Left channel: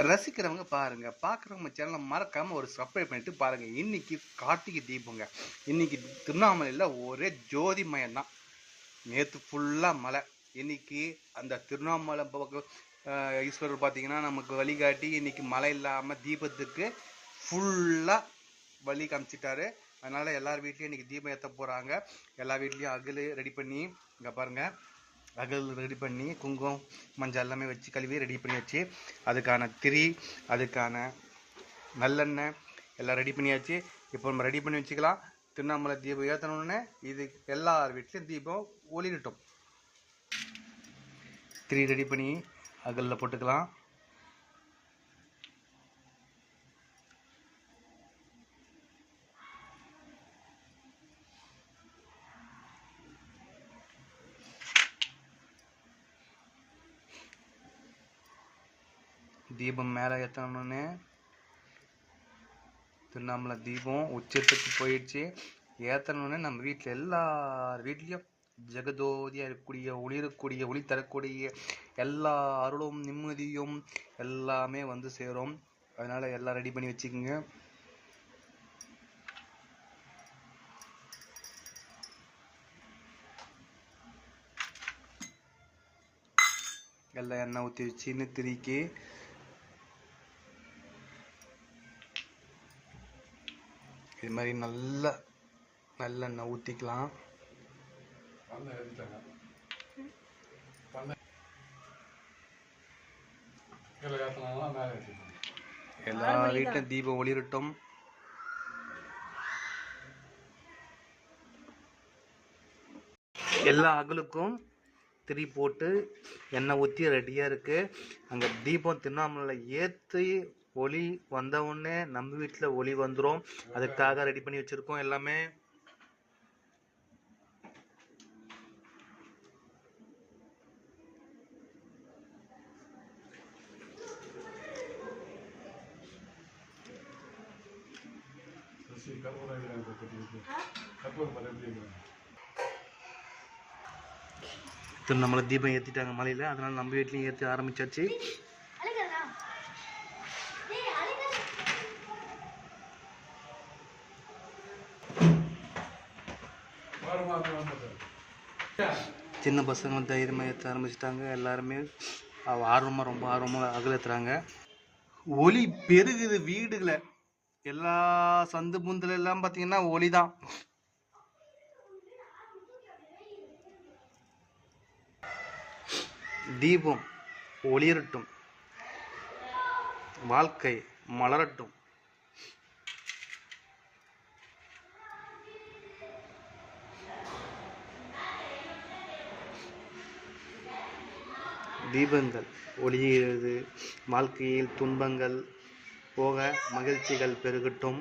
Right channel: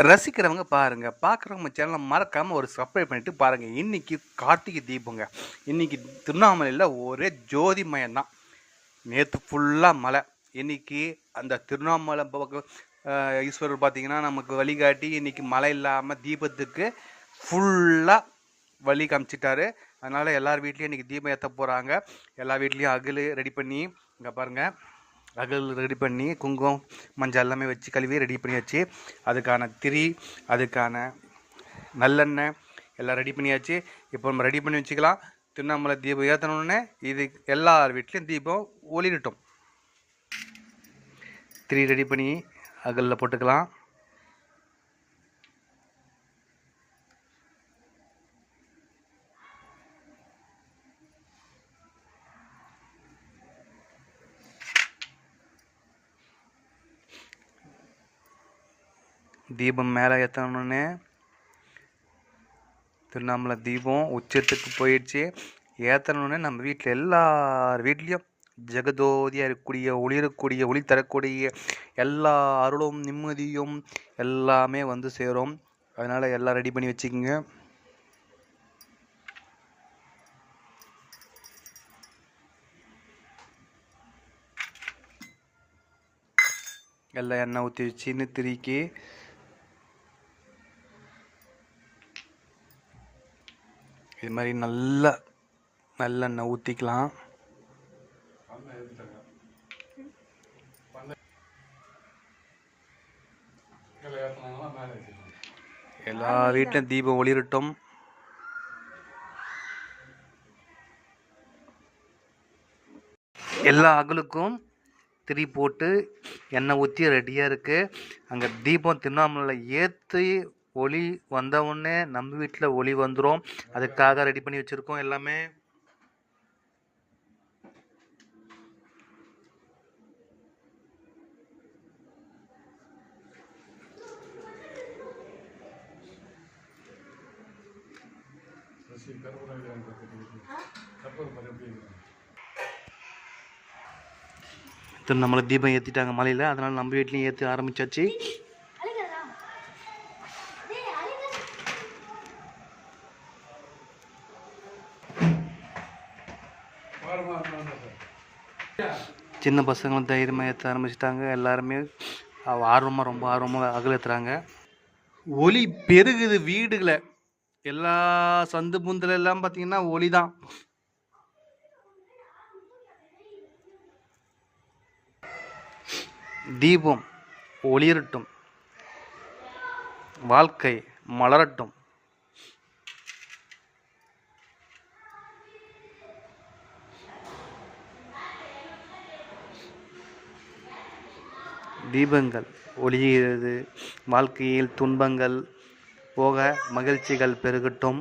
ரசிக்கிறவங்க பாருங்க, பார்க்குறவங்க சேனலை மறக்காம ஒரு சப்ஸ்கிரைப் பண்ணிட்டு பாருங்க. இன்னைக்கு கார்த்திகை தீபங்க. இன்னைக்கு திருவண்ணாமலையில் ஒரே ஜோதிமயம் தான். நேற்று ஃபுல்லாக மழை. இன்னைக்கு அந்த திருவண்ணாமலை பக்கம் ஈஸ்வரர் பார்த்தீங்கன்னா நமக்கு வழிகாட்டி இன்னைக்கு மழை இல்லாமல் தீபத்துக்கு ஃபுல்லாக வழி காமிச்சிட்டாரு. அதனால் எல்லார் வீட்லேயும் இன்றைக்கி தீபம் ஏற்ற போகிறாங்க. எல்லா வீட்லேயும் அகல் ரெடி பண்ணி இங்கே பாருங்கள், அகல் ரெடி பண்ணி குங்குமம் மஞ்சள் எல்லாமே வச்சு கழுவி ரெடி பண்ணி வச்சு அதுக்கான திரி அதுக்கான நல்லெண்ணெய் எல்லாம் ரெடி பண்ணியாச்சு. இப்போ நம்ம ரெடி பண்ணி வச்சுக்கலாம். திருவண்ணாமலை தீபம் ஏற்றணுன்னே இது எல்லார் வீட்லேயும் தீபம் ஒளிரட்டும். திரி ரெடி பண்ணி அகலில் போட்டுக்கலாம். தீபம் மேலே ஏற்றணுன்னே திருவண்ணாமலை தீபம் உச்சத்துக்கு போயிடுச்சு. ஏற்றணுன்னே நம்ம வீட்டில் எல்லார் வீட்லேயும் ஜெகதோதியாக இருக்கக்கூடிய ஒளிரக்கூடிய ஒளி தரக்கூடிய எல்லா அருளும் நிம்மதியும் எல்லாமே வந்து சேரும். அதனால் எல்லாம் ரெடி பண்ணி வச்சுக்கோங்க. எல்லாம் எண்ணெய் ஊற்றி வச்சுன்னு திரிக்கி இது மாதிரி நல்லெண்ணெய் ஊற்றிக்கலாம். எல்லா வீட்டிலும் தீபம் ஒளிரட்டும். எல்லா அகலுக்கும் திரி போட்டு எண்ணெய் ஊற்றி ரெடியாக இருக்குது. அங்கே தீபம் திருவண்ணாமலையில் ஏற்றி ஒளி வந்தவுடனே நம்ம வீட்டில் ஒளி வந்துடும். அதுக்காக ரெடி பண்ணி வச்சுருக்கோம் எல்லாமே. நம்மளை தீபம் ஏற்றிட்டாங்க மலையில். அதனால் நம்ம வீட்லேயும் ஏற்றி ஆரம்பிச்சாச்சு. சின்ன பசங்களும் தைரியமாக ஏற்ற ஆரம்பிச்சிட்டாங்க. எல்லாருமே ரொம்ப ஆர்வமாக அகல் ஏற்றுறாங்க. ஒளி பெருகுது வீடுகளை. எல்லா சந்து புந்தில் எல்லாம் பார்த்தீங்கன்னா ஒளி தான். தீபம் ஒளிரட்டும், வாழ்க்கை மலரட்டும். தீபங்கள் ஒளிகிறது. வாழ்க்கையில் துன்பங்கள் போக மகிழ்ச்சிகள் பெருகட்டும்.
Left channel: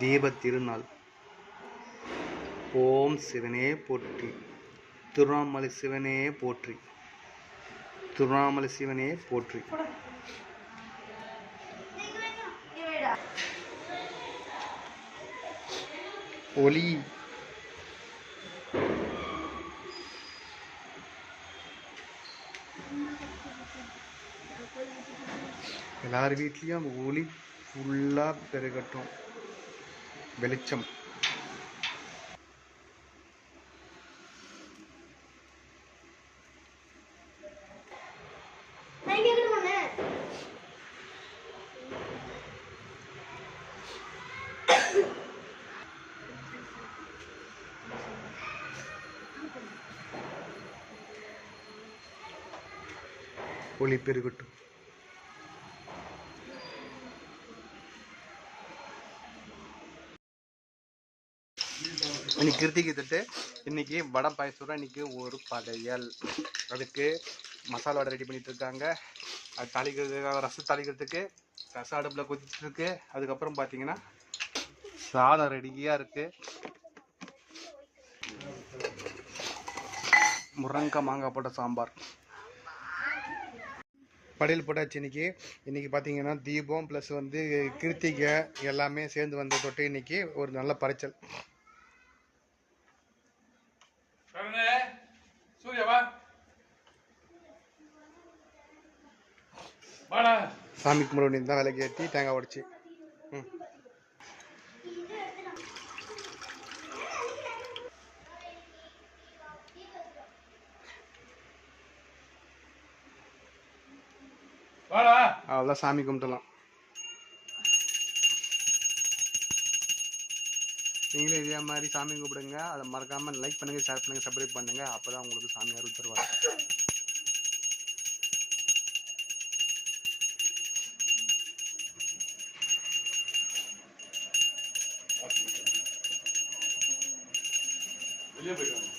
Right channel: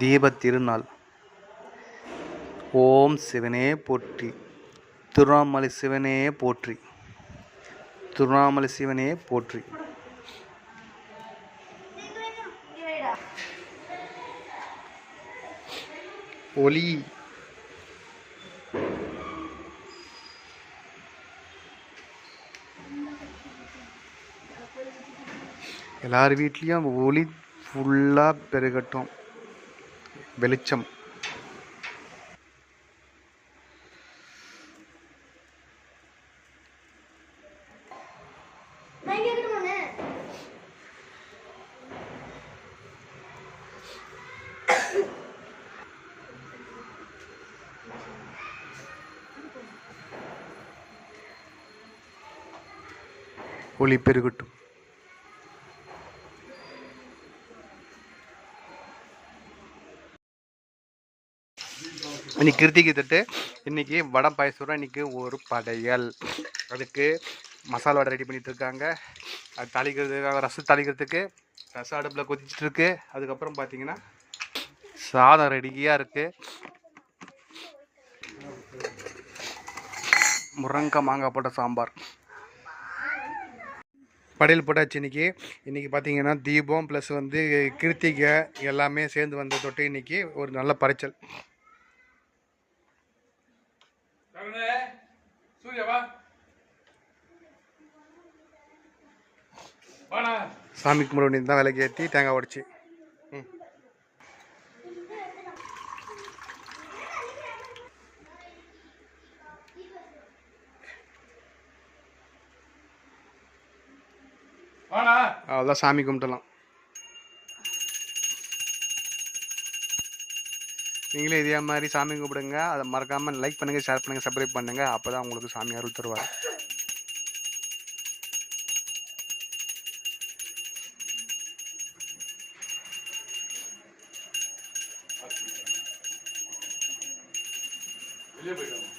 தீபத் திருநாள். ஓம் சிவனே போற்றி. திருவண்ணாமலை சிவனே போற்றி. திருவண்ணாமலை சிவனே போற்றி. ஒளி எல்லார் வீட்லேயும் ஒளி ஃபுல்லாக பெருகட்டும். வெளிச்சம். ஒளி பெருகட்டும். இன்னைக்கு கிருத்திகை தட்டு. இன்னைக்கு வடை பாயசம். இன்னைக்கு ஒரு படையல். அதுக்கு மசாலா வடை ரெடி பண்ணிட்டு இருக்காங்க. அது தாளிக்கிறதுக்காக ரசம் தாளிக்கிறதுக்கு ரசம் அடுப்பில் கொதிச்சுட்டு இருக்கு. அதுக்கப்புறம் பார்த்தீங்கன்னா சாதம் ரெடியாக இருக்கு. முருங்கக்காய் மாங்காய் போட்ட சாம்பார். படையல் போட்டாச்சு. இன்னைக்கு பார்த்தீங்கன்னா தீபம் ப்ளஸ் வந்து கிருத்திகை எல்லாமே சேர்ந்து வந்த தொட்டு இன்னைக்கு ஒரு நல்ல படைச்சல். சூர்யாவா சாமி கும்பிட வேண்டியது தான், விலைக்கு ஏற்றி தேங்காய் உடச்சி. ம். அவ்வளோதான், சாமி கும்பிட்டலாம். நீங்களே இதே மாதிரி சாமி கும்பிடுங்க. அதை மறக்காமல் லைக் பண்ணுங்கள், ஷேர் பண்ணுங்கள், சப்ஸ்கிரைப் பண்ணுங்கள். அப்போ தான் உங்களுக்கு சாமி அருள் தருவார். வெளியே போயிட்டு